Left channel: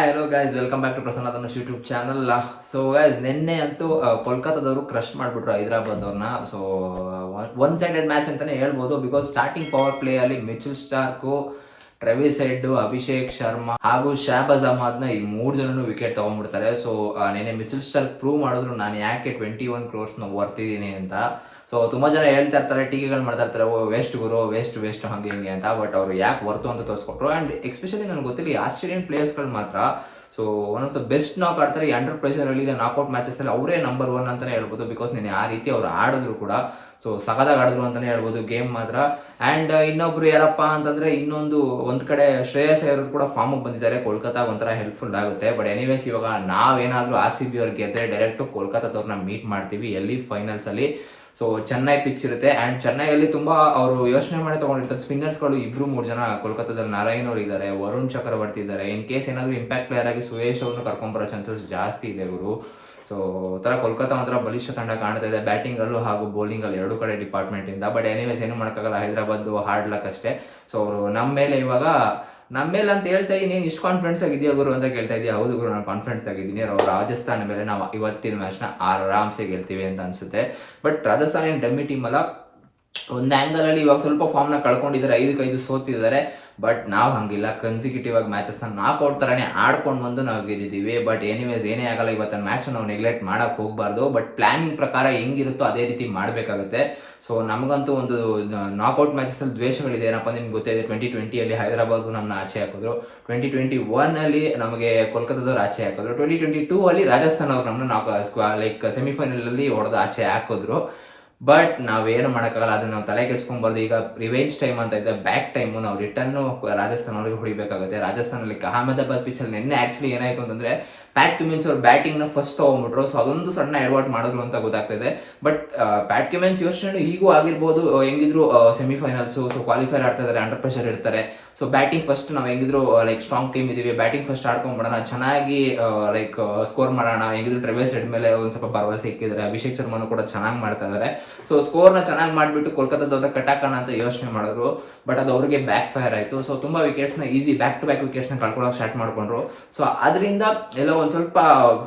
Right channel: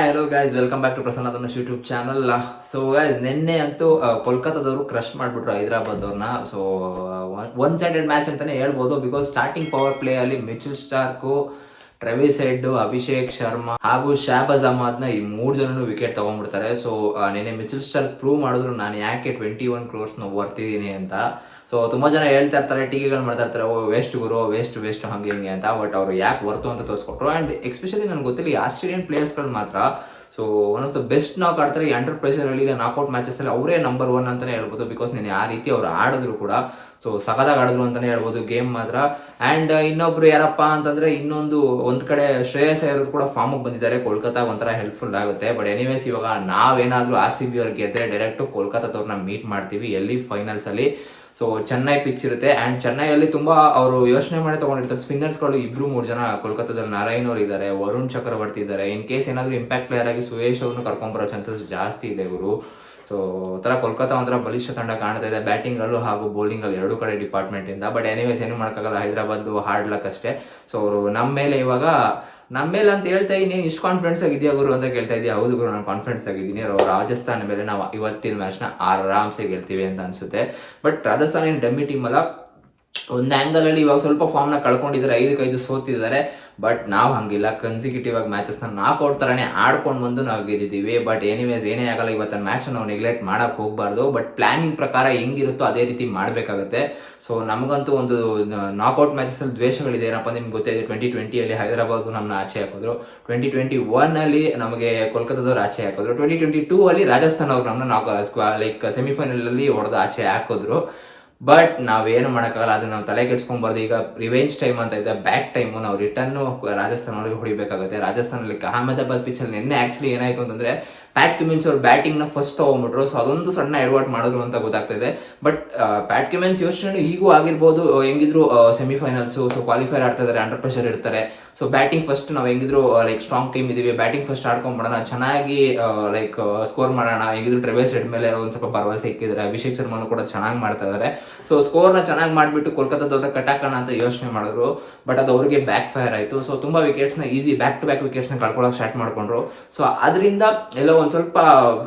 Hi hello guys welcome back to Prasanna Dhanush YouTube channel so guys ನಿನ್ನೆ ಅಂತೂ ಕೋಲ್ಕತ್ತಾದವರು crush ಮಾಡಿಬಿಟ್ರು ಹೈದರಾಬಾದ್ ಅವ್ರನ್ನ so one sided match ಅಂತಾನೆ ಹೇಳ್ಬೋದು. ಬಿಕಾಸ್ ಸ್ಟಾರ್ಟಿಂಗ್ ಪವರ್ ಪ್ಲೇ ಅಲ್ಲಿ Mitchell Starc Travis Head, Abhishek Sharma ಹಾಗೂ ಶಾಬಾಜ್ನ ಈ ಮೂರು ಜನನು ವಿಕೆಟ್ ತಗೊಂಡ್ಬಿಡ್ತಾರೆ. ಸೊ ನಿನ್ನೆ ಮಿಚುಲ್ ಸ್ಟಾರ್ಕ್ ಪ್ರೂವ್ ಮಾಡಿದ್ರು ನಾನು ಯಾಕೆ ಟ್ವೆಂಟಿ ಒನ್ ಕ್ರೋರ್ಸ್ನ ವರ್ತಿದ್ದೀನಿ ಅಂತ. ಸೊ ತುಂಬಾ ಜನ ಹೇಳ್ತಾ ಇರ್ತಾರೆ, ಟೀಕೆಗಳು ಮಾಡ್ತಾ ಇರ್ತಾರೆ, ಓ ವೇಸ್ಟ್ ಗುರು ವೇಸ್ಟ್ ವೇಸ್ಟ್ ಹಂಗೆ ಹಿಂಗೆ ಅಂತ. ಬಟ್ ಅವರು ಯಾಕೆ ವರ್ತು ಅಂತ ತೋರಿಸ್ಕೊಟ್ರು? ಆ್ಯಂಡ್ ಎಸ್ಪೆಷಲಿ ನನಗೆ ಗೊತ್ತಿಲ್ಲ ಆಸ್ಟ್ರೇಲಿಯನ್ ಪ್ಲೇಯರ್ಸ್ಗಳು ಮಾತ್ರ so one of the best knock ಆಡ್ತಾರೆ ಈ ಅಂಡರ್ ಪ್ರೆಷರಲ್ಲಿ ನಾಕೌಟ್ ಮ್ಯಾಚಸ್ಸಲ್ಲಿ ಅವರೇ ನಂಬರ್ ಒನ್ ಅಂತಲೇ ಹೇಳ್ಬೋದು ಬಿಕಾಸ್ ನೀನು ಯಾವ ರೀತಿ ಅವ್ರು ಆಡಿದ್ರು ಕೂಡ ಸೊ ಸಖತ್ತಾಗಿ ಆಡಿದ್ರು ಅಂತಲೇ ಹೇಳ್ಬೋದು ಗೇಮ್ ಮಾತ್ರ. ಆ್ಯಂಡ್ ಇನ್ನೊಬ್ರು ಯಾರಪ್ಪ ಅಂತಂದರೆ ಇನ್ನೊಂದು ಒಂದು ಕಡೆ ಶ್ರೇಯಸ್ ಅಯ್ಯರ್ ಕೂಡ ಫಾರ್ಮಿಗೆ ಬಂದಿದ್ದಾರೆ, ಕೋಲ್ಕತ್ತಾಗ ಒಂಥರ ಹೆಲ್ಪ್ಫುಲ್ ಆಗುತ್ತೆ. ಬಟ್ ಎನಿವೇಸ್ ಇವಾಗ ನಾವೇನಾದರೂ ಆರ್ ಸಿ ಬಿ ಅವ್ರಿಗೆ ಗೆದ್ದರೆ ಡೈರೆಕ್ಟು ಕೋಲ್ಕತ್ತಾದವ್ರನ್ನ ಮೀಟ್ ಮಾಡ್ತೀವಿ, ಎಲ್ಲಿ ಫೈನಲ್ಸಲ್ಲಿ ಸೊ ಚೆನ್ನೈ ಪಿಚ್ ಇರುತ್ತೆ. ಆ್ಯಂಡ್ ಚೆನ್ನೈಯಲ್ಲಿ ತುಂಬ ಅವರು ಯೋಚನೆ ಮಾಡಿ ತೊಗೊಂಡಿರ್ತಾರೆ. ಸ್ಪಿನ್ನರ್ಸ್ಗಳು ಇಬ್ಬರು ಮೂರು ಜನ ಕೋಲ್ಕತ್ತಾದಲ್ಲಿ ನಾರಾಯಣ್ ಅವರು ಇದ್ದಾರೆ ವರುಣ್ ಚಕ್ರವರ್ತಿ ಇದ್ದಾರೆ ಇನ್ ಕೇಸ್ ಏನಾದರೂ ಇಂಪ್ಯಾಕ್ಟ್ ಪ್ಲೇಯರ್ ಆಗಿ ಸುರೇಶ್ ಅವ್ರನ್ನ ಕರ್ಕೊಂಬರೋ ಚಾನ್ಸಸ್ ಜಾಸ್ತಿ ಇದೆ ಇವರು ಸೊ ಒಂಥರ ಕೋಲ್ಕತ್ತಾ ಒಂಥರ ಬಲಿಷ್ಠ ತಂಡ ಕಾಣ್ತಾ ಇದೆ. ಬ್ಯಾಟಿಂಗಲ್ಲೂ ಹಾಗೂ ಬೌಲಿಂಗಲ್ಲಿ ಎರಡೂ ಕಡೆ ಡಿಪಾರ್ಟ್ಮೆಂಟಿಂದ ಬಟ್ ಎನಿವೇಸ್ ಏನು ಮಾಡೋಕ್ಕಾಗಲ್ಲ. ಹೈದರಾಬಾದ್ ಹಾರ್ಡ್ ಲಕ್ ಅಷ್ಟೇ. ಸೊ ಅವರು ನಮ್ಮ ಮೇಲೆ ಇವಾಗ, ನಮ್ಮ ಮೇಲೆ ಅಂತ ಹೇಳ್ತಾ ಇದ್ದೀನಿ. ಇಷ್ಟು ಕಾನ್ಫಿಡೆನ್ಸ್ ಆಗಿದೆಯಾ ಗುರು ಅಂತ ಕೇಳ್ತಾ ಇದೆಯಾ ಹೌದು ಗುರು, ನಾನು ಕಾನ್ಫಿಡೆನ್ಸ್ ಆಗಿದ್ದೀನಿ. ಅವ್ರು ರಾಜಸ್ಥಾನ ಮೇಲೆ ನಾವು ಇವತ್ತಿನ ಮ್ಯಾಚ್ನ ಆರಾಮ್ಸೆ ಗೆಲ್ತೀವಿ ಅಂತ ಅನಿಸುತ್ತೆ. ಬಟ್ ರಾಜಸ್ಥಾನ ಏನು ಡಮ್ಮಿ ಟೀಮ್ ಅಲ್ಲ. ಒಂದು ಆ್ಯಂಗಲಲ್ಲಿ ಇವಾಗ ಸ್ವಲ್ಪ ಫಾರ್ಮ್ನ ಕಳ್ಕೊಂಡಿದ್ದಾರೆ, ಐದಕ್ಕೆ ಐದು ಸೋತಿದ್ದಾರೆ. ಬಟ್ ನಾವು ಹಂಗಿಲ್ಲ. ಕನ್ಸಿಕ್ಯೂಟಿವ್ ಆಗಿ ಮ್ಯಾಚಸ್ನ ನಾಕೌಟ್ ಥರನೇ ಆಡ್ಕೊಂಡು ಬಂದು ನಾವು ಗೆದ್ದಿದ್ದೀವಿ. ಬಟ್ ಎನಿವೇಸ್ ಏನೇ ಆಗಲ್ಲ, ಇವತ್ತಿನ ಮ್ಯಾಚ್ ನಾವು ನೆಗ್ಲೆಕ್ಟ್ ಮಾಡೋಕೆ ಹೋಗಬಾರ್ದು. ಬಟ್ ಪ್ಲಾನಿಂಗ್ ಪ್ರಕಾರ ಹೆಂಗಿರುತ್ತೋ ಅದೇ ರೀತಿ ಮಾಡಬೇಕಾಗುತ್ತೆ. ಸೊ ನಮಗಂತೂ ಒಂದು ನಾಕೌಟ್ ಮ್ಯಾಚಸ್ಸಲ್ಲಿ ದ್ವೇಷಗಳಿದೆ. ಏನಪ್ಪ ನಿಮ್ಗೆ ಗೊತ್ತಿದೆ ಟ್ವೆಂಟಿ ಟ್ವೆಂಟಿಯಲ್ಲಿ ಹೈದರಾಬಾದ್ ನಮ್ಮನ್ನ ಆಚೆ ಹಾಕಿದ್ರು. ಟ್ವೆಂಟಿ ಟ್ವೆಂಟಿ ಒನ್ನಲ್ಲಿ ನಮಗೆ ಕೋಲ್ಕತ್ತಾದವ್ರು ಆಚೆ ಹಾಕಿದ್ರು. ಟ್ವೆಂಟಿ ಟ್ವೆಂಟಿ ಟೂ ಅಲ್ಲಿ ರಾಜಸ್ಥಾನ್ ಅವ್ರು ನಮ್ಮನ್ನ ನಾವು ಲೈಕ್ ಸೆಮಿಫೈನಲಲ್ಲಿ ಹೊಡೆದು ಆಚೆ ಹಾಕಿದ್ರು. ಬಟ್ ನಾವೇನು ಮಾಡೋಕ್ಕಾಗಲ್ಲ, ಅದನ್ನ ನಾವು ತಲೆ ಕೆಡ್ಸ್ಕೊಂಬಾರ್ದು ಈಗ ರಿವೆಂಜ್ ಟೈಮ್ ಅಂತ ಇದೆ ಬ್ಯಾಕ್ ಟೈಮು ನಾವು ರಿಟರ್ನು ರಾಜಸ್ಥಾನ ಹೊಡಿಬೇಕಾಗುತ್ತೆ. ರಾಜಸ್ಥಾನಲ್ಲಿ ಅಹಮದಾಬಾದ್ ಪಿಚ್ಚಲ್ಲಿ ನಿನ್ನೆ ಆ್ಯಕ್ಚುಲಿ ಏನಾಯಿತು ಅಂತಂದರೆ ಪ್ಯಾಟ್ ಕ್ಯುಮಿನ್ಸ್ ಅವ್ರು ಬ್ಯಾಟಿಂಗ್ನ ಫಸ್ಟ್ ತೊಗೊಂಬಿಟ್ರು. ಸೊ ಅದೊಂದು ಸಣ್ಣ ಎಡವಟ್ ಮಾಡಿದ್ರು ಅಂತ ಗೊತ್ತಾಗ್ತದೆ. ಬಟ್ ಪ್ಯಾಟ್ ಕ್ಯುಮಿನ್ಸ್ ಯೋಚನೆ ಈಗೂ ಆಗಿರ್ಬೋದು. ಹೆಂಗಿದ್ರು ಸೆಮಿಫೈನಲ್ಸು ಸೊ ಕ್ವಾಲಿಫೈರ್ ಆಡ್ತಾ ಇದ್ದಾರೆ ಅಂಡರ್ ಪ್ರೆಷರ್ ಇರ್ತಾರೆ. ಸೊ ಬ್ಯಾಟಿಂಗ್ ಫಸ್ಟ್ ನಾವು ಹೆಂಗಿದ್ರು ಲೈಕ್ ಸ್ಟ್ರಾಂಗ್ ಟೀಮ್ ಇದೀವಿ. ಬ್ಯಾಟಿಂಗ್ ಫಸ್ಟ್ ಆಡ್ಕೊಂಡ್ಬಿಡೋಣ ಚೆನ್ನಾಗಿ ಲೈಕ್ ಸ್ಕೋರ್ ಮಾಡೋಣ. ಹೆಂಗಿದ್ರು ಟ್ರೆವೇಸ್ ರೆಡ್ ಮೇಲೆ ಒಂದು ಸ್ವಲ್ಪ ಭರವಸೆ ಇಕ್ಕಿದ್ದಾರೆ. ಅಭಿಷೇಕ್ ಶರ್ಮಾನು ಕೂಡ ಚೆನ್ನಾಗಿ ಮಾಡ್ತಾ ಇದ್ದಾರೆ ಸೊ ಸ್ಕೋರ್ನ ಚೆನ್ನಾಗಿ ಮಾಡಿಬಿಟ್ಟು ಕೋಲ್ಕತ್ತಾದವ್ರ ಕಟ್ಟಾಕೋಣ ಅಂತ ಯೋಚನೆ ಮಾಡಿದ್ರು. ಬಟ್ ಅದು ಅವರಿಗೆ ಬ್ಯಾಕ್ ಫೈರ್ ಆಯಿತು. ಸೊ ತುಂಬ ವಿಕೆಟ್ಸ್ನ ಈಸಿ ಬ್ಯಾಕ್ ಟು ಬ್ಯಾಕ್ ವಿಕೆಟ್ಸ್ನ ಕಳ್ಕೊಳ್ಳೋಕೆ ಸ್ಟಾರ್ಟ್ ಮಾಡ್ಕೊಂಡ್ರು. ಸೊ ಅದರಿಂದ ಎಲ್ಲ ಒಂದು ಸ್ವಲ್ಪ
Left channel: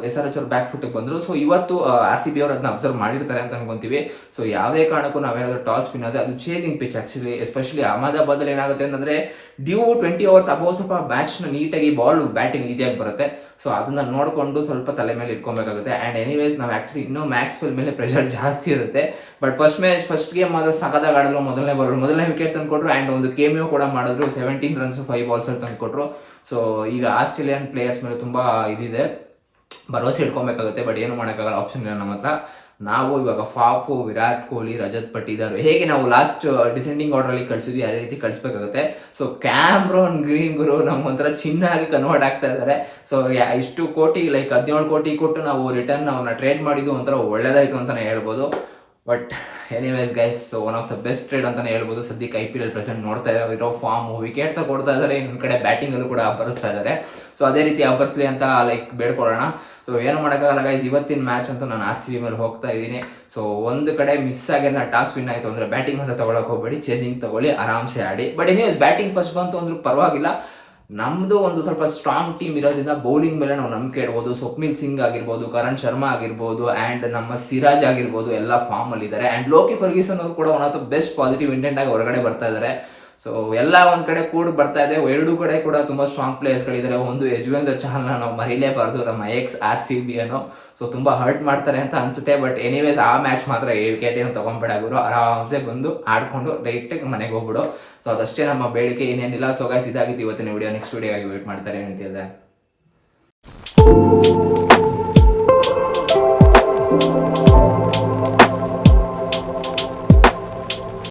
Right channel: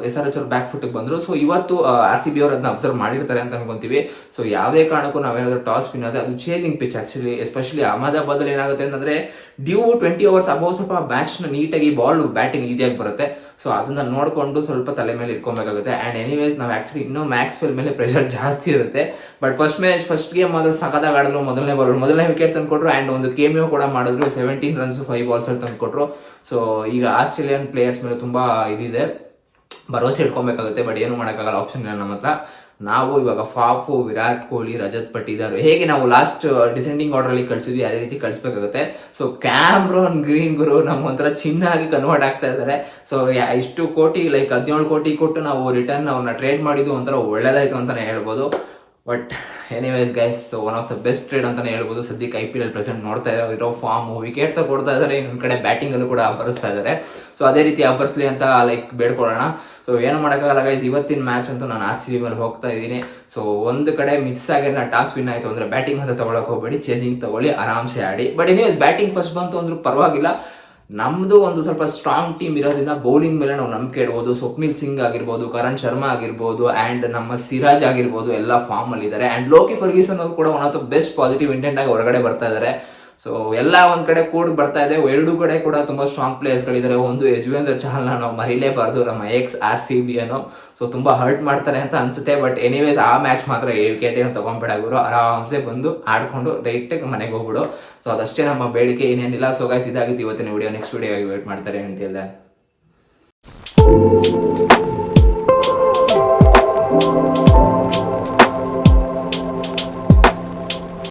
ಎಸ್ ಆರ್ ಎಚ್ ಅವ್ರು ಬ್ಯಾಕ್ ಫುಟ್ಗೆ ಬಂದರು. ಸೊ ಇವತ್ತು ಆರ್ ಸಿ ಬಿ ಅವ್ರು ಅದನ್ನ ಅಬ್ಸರ್ವ್ ಮಾಡಿರ್ತಾರೆ ಅಂತ ಅನ್ಕೊಂತೀವಿ. ಸೊ ಯಾವುದೇ ಕಾರಣಕ್ಕೂ ನಾವೇನಾದರೂ ಟಾಸ್ ವಿನ್ ಆದರೆ ಅದು ಚೇಸಿಂಗ್ ಪಿಚ್ ಆ್ಯಕ್ಚುಲಿ ಎಸ್ಪೆಷಲಿ ಅಹಮದಾಬಾದಲ್ಲಿ ಏನಾಗುತ್ತೆ ಅಂತಂದರೆ ಡ್ಯೂ ಟ್ವೆಂಟಿ ಅವರ್ಸ್ ಅಬೌವ್ ಸ್ವಲ್ಪ ಮ್ಯಾಚ್ನ ನೀಟಾಗಿ ಬಾಲ್ ಬ್ಯಾಟಿಂಗ್ ಈಸಿಯಾಗಿ ಬರುತ್ತೆ. ಸೊ ಅದನ್ನ ನೋಡಿಕೊಂಡು ಸ್ವಲ್ಪ ತಲೆ ಮೇಲೆ ಇಟ್ಕೊಬೇಕಾಗುತ್ತೆ. ಆ್ಯಂಡ್ ಎನಿವೇಸ್ ನಾವು ಆ್ಯಕ್ಚುಲಿ ಇನ್ನೂ ಮ್ಯಾಕ್ಸ್ವೆಲ್ ಮೇಲೆ ಪ್ರೆಷರ್ ಜಾಸ್ತಿ ಇರುತ್ತೆ. But first match first game ಮಾತ್ರ ಸಕದಾಗ ಆಡಿದ್ರು. ಮೊದಲನೇ ಬಾಲ್ ಮೊದಲನೇ ವಿಕೆಟ್ ತಂದುಕೊಟ್ರು ಆ್ಯಂಡ್ ಒಂದು ಕೇಮಿಯೋ ಕೂಡ ಮಾಡಿದ್ರು. ಸೆವೆಂಟೀನ್ ರನ್ಸ್ ಫೈವ್ ಬಾಲ್ಸಲ್ಲಿ ತಂದುಕೊಟ್ರು ಸೊ ಈಗ ಆಸ್ಟ್ರೇಲಿಯನ್ ಪ್ಲೇಯರ್ಸ್ ಮೇಲೆ ತುಂಬ ಇದಿದೆ. ಭರವಸೆ ಇಟ್ಕೊಬೇಕಾಗುತ್ತೆ ಬಟ್ ಏನು ಮಾಡೋಕ್ಕಾಗಲ್ಲ ಆಪ್ಷನ್ ಇಲ್ಲ ನಮ್ಮ ಹತ್ರ. ನಾವು ಇವಾಗ ಫಾಫು, ವಿರಾಟ್ ಕೊಹ್ಲಿ, ರಜತ್ ಪಟ್ಟಿದಾರ್ ಹೇಗೆ ನಾವು ಲಾಸ್ಟ್ ಡಿಸೆಂಡಿಂಗ್ ಆರ್ಡ್ರಲ್ಲಿ ಕಳಿಸಿದ್ವಿ, ಅದೇ ರೀತಿ ಕಳಿಸ್ಬೇಕಾಗುತ್ತೆ. ಸೊ ಕ್ಯಾಮ್ರೋನ್ ಗ್ರೀನ್ ಗುರು ನಮ್ಗೊಂಥರ ಚಿನ್ನ ಆಗಿ ಕನ್ವರ್ಟ್ ಆಗ್ತಾ ಇದ್ದಾರೆ ಸೊ ಇಷ್ಟು ಕೋಟಿ ಲೈಕ್ ಹದಿನೇಳು ಕೋಟಿ ಕೊಟ್ಟು ನಾವು ರಿಟರ್ನ್ ಅವ್ರನ್ನ ಟ್ರೇಡ್ ಮಾಡಿದ್ದು ಒಂಥರ ಒಳ್ಳೇದಾಯಿತು ಅಂತಲೇ ಹೇಳ್ಬೋದು. But anyways guys so one of the best trade ಅಂತಲೇ ಹೇಳ್ಬೋದು. ಸದ್ಯಕ್ಕೆ ಐ ಪಿ ಎಲ್ ಪ್ರೆಸೆಂಟ್ ನೋಡ್ತಾ ಇರೋ ಫಾರ್ಮ್ ವಿಕೆಟ್ ಕೊಡ್ತಾ ಇದ್ದಾರೆ. ಇನ್ನೊಂದು ಕಡೆ ಬ್ಯಾಟಿಂಗಲ್ಲೂ ಕೂಡ ಅಬ್ಬರಿಸ್ತಾ ಇದ್ದಾರೆ. ಸೊ ಅದೇ ರೀತಿ ಅಬ್ಬರಿಸ್ಲಿ ಅಂತ ಲೈಕ್ ಬೇಡ್ಕೊಳ್ಳೋಣ. ಸೊ ಏನು ಮಾಡೋಕ್ಕಾಗಲ್ಲ ಗೈಸ್ ಇವತ್ತಿನ ಮ್ಯಾಚ್ ಅಂತೂ ನಾನು ಆರ್ ಸಿ ಬಿ ಮೇಲೆ ಹೋಗ್ತಾ ಇದ್ದೀನಿ. ಸೊ ಒಂದು ಕಡೆ ಮಿಸ್ ಆಗಿಲ್ಲ, ಟಾಸ್ ವಿನ್ ಆಯಿತು ಅಂದರೆ ಬ್ಯಾಟಿಂಗ್ ಅಂತ ತೊಗೊಳಕ್ಕೆ ಹೋಗಬೇಡಿ. ಚೇಸಿಂಗ್ ತೊಗೊಳ್ಳಿ, ಆರಾಮ್ಸೆ ಆಡಿ. ಬಟ್ ಎನಿವೇಸ್ ಬ್ಯಾಟಿಂಗ್ ಫಸ್ಟ್ ಬಂತು ಅಂದ್ರೂ ಪರವಾಗಿಲ್ಲ. ನಮ್ಮದು ಒಂದು ಸ್ವಲ್ಪ ಸ್ಟ್ರಾಂಗ್ ಟೀಮ್ ಇರೋದ್ರಿಂದ ಬೌಲಿಂಗ್ ಮೇಲೆ ನಾವು ನಂಬಿಕೆ ಇಡ್ಬೋದು. ಸ್ವಪ್ನಿಲ್ ಸಿಂಗ್ ಆಗಿರ್ಬೋದು ಕರಣ್ ಶರ್ಮಾ ಆಗಿರ್ಬೋದು ಆ್ಯಂಡ್ ನಮ್ಮ ಸಿರಾಜ್ ಆಗಿರ್ಬೋದು, ಎಲ್ಲ ಫಾರ್ಮಲ್ಲಿದ್ದಾರೆ ಆ್ಯಂಡ್ ಲೋಕಿ ಫರ್ಗೀಸನ್ ಅವರು ಕೂಡ one of the best positive intent ಆಗಿ ಹೊರಗಡೆ ಬರ್ತಾ ಇದ್ದಾರೆ. ಸೊ ಎಲ್ಲ ಒಂದು ಕಡೆ ಕೂಡ ಬರ್ತಾ ಇದೆ. ಎರಡೂ ಕಡೆ ಕೂಡ ತುಂಬ ಸ್ಟ್ರಾಂಗ್ ಪ್ಲೇಯರ್ಸ್ಗಳಿದ್ದಾರೆ ಒಂದು ಯಜುವೇಂದ್ರ ಚಹಲ್ನ ನಾವು ಮರಿಲೇಬಾರ್ದು. ನಮ್ಮ ಎಕ್ಸ್ ಆರ್ ಸಿ ಬಿ ಅನ್ನೋ. ಸೊ ತುಂಬ ಹರ್ಟ್ ಮಾಡ್ತಾರೆ ಅಂತ ಅನ್ಸುತ್ತೆ. ಬಟ್ ಎನಿವೇಸ್ ಆ ಮ್ಯಾಚ್ ಮಾತ್ರ ವಿಕೆಟ್ ಏನು ಗುರು. ಆರಾಮ್ಸೆ ಬಂದು ಆಡ್ಕೊಂಡು ಡೈರೆಕ್ಟಾಗಿ ಮನೆಗೆ ಹೋಗ್ಬಿಡು. ಸೊ ಅದಷ್ಟೇ ನಮ್ಮ ಬೇಡಿಕೆ ಏನೇನಿಲ್ಲ. ಸೊ ಗಾಯ್ಸ್ ಇದಾಗಿತ್ತು ಇವತ್ತಿನ ವಿಡಿಯೋ ನೆಕ್ಸ್ಟ್ ವಿಡಿಯೋ ಆಗಿ ವೇಟ್ ಮಾಡ್ತಾರೆ. ಎಂಟಿಲ್ಲ